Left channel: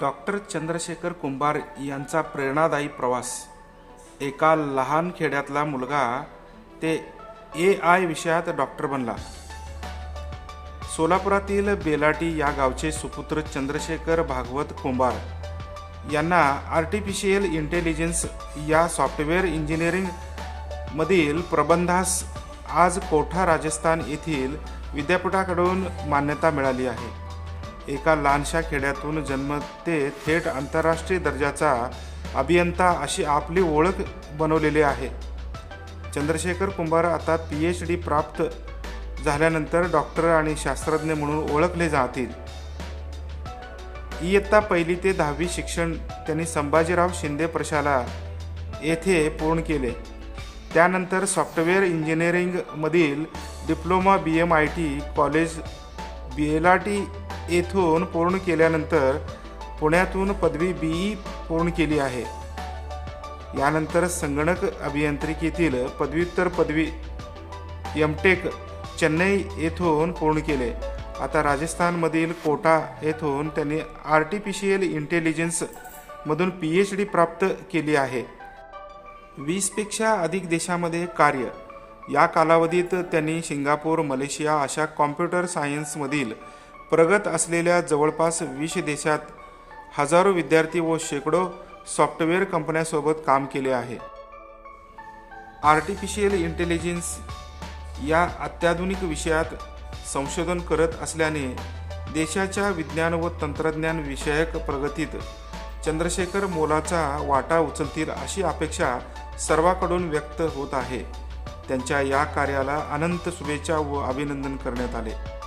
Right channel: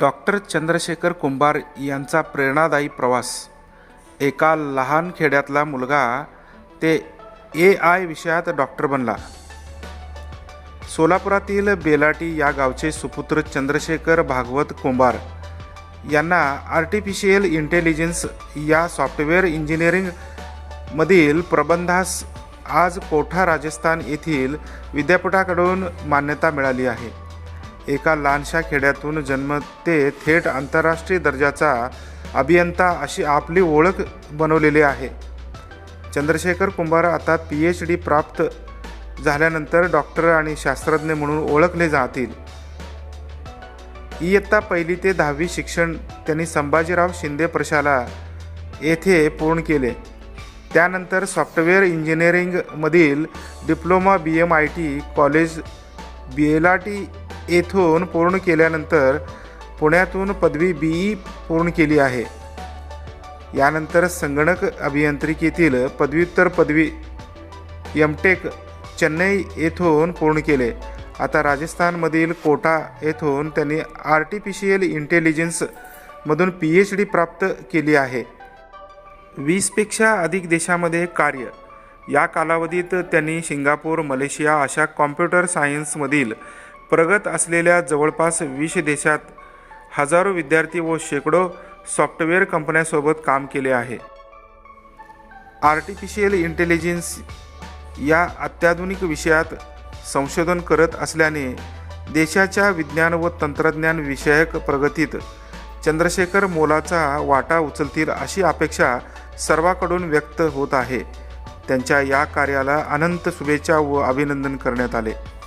Doctor Chandrashekhar कुंभार यांचा प्रेरणादायी प्रवास. एका लहान खेड्यातला मुलगा ते ए आय विषयात डॉक्टर बनला. सोलापुरातील बेलाटी या गावचे सुपुत्र चंद्रशेखर भागवत कुंभार यांना आर्टिफिशियल इंटेलिजन्स या सॉफ्टवेअर इंजिनिअरिंगमधील प्रबंधास आज कोठा राजस्थान येथील विद्यापीठाकडून मान्यता मिळाली आहे. एका लहानशा खेड्यातून जन्मते थेट आंतरराष्ट्रीय दर्जाचा अभियंता अशी आपली ओळख बनवलेली आहे. चंद्रशेखर कुंभार आता पी एच डी प्राप्त झाल्यानंतर डॉक्टर आणि शास्त्रज्ञ म्हणून ओळखले जातील. इयत्ता पहिली ते दहावी शिक्षण त्यांनी संभाजीराव शिंदे प्रशाला येथे पूर्ण केले. त्यानंतर software इंजिनिअरिंगमधील diploma B M I T college Belati येथून पूर्ण केल्यानंतर पुण्यातून पदवी बी ई पूर्ण केली आहे. यानंतर संगणक अभियांत्रिकीतील पदव्युत्तर पदवी एम टेक चेन्नई येथून पूर्ण केले. आता राजस्थानमधील कोटा येथून त्यांनी आर्टिफिशियल इंटेलिजन्समधून पी एच डी प्राप्त केली आहे. वीसपेक्षा अधिक देशामध्ये कार्य. या कालावधीत त्यांनी सिंगापूर मलेशिया अशा कॉम्प्युटर सायन्समधील प्रगत असलेल्या जवळपास वीस देशात हजारो विद्यार्थी व शेकडो सॉफ्टवेअर कंपन्यांसोबत काम केले आहे. आर्टिफिशियल इंटेलिजन्स या अत्याधुनिक विषयात संशोधन करत असल्याने देशाच्या विज्ञान व तंत्रज्ञान विषयक प्रगतीत चंद्रशेखर मोलाचा वाटा उचलतील अशी अपेक्षा सर्वांकडून व्यक्त होत आहे. त्यांच्या या कार्याला अनंत शुभेच्छा व अभिनंदन करण्यात आले.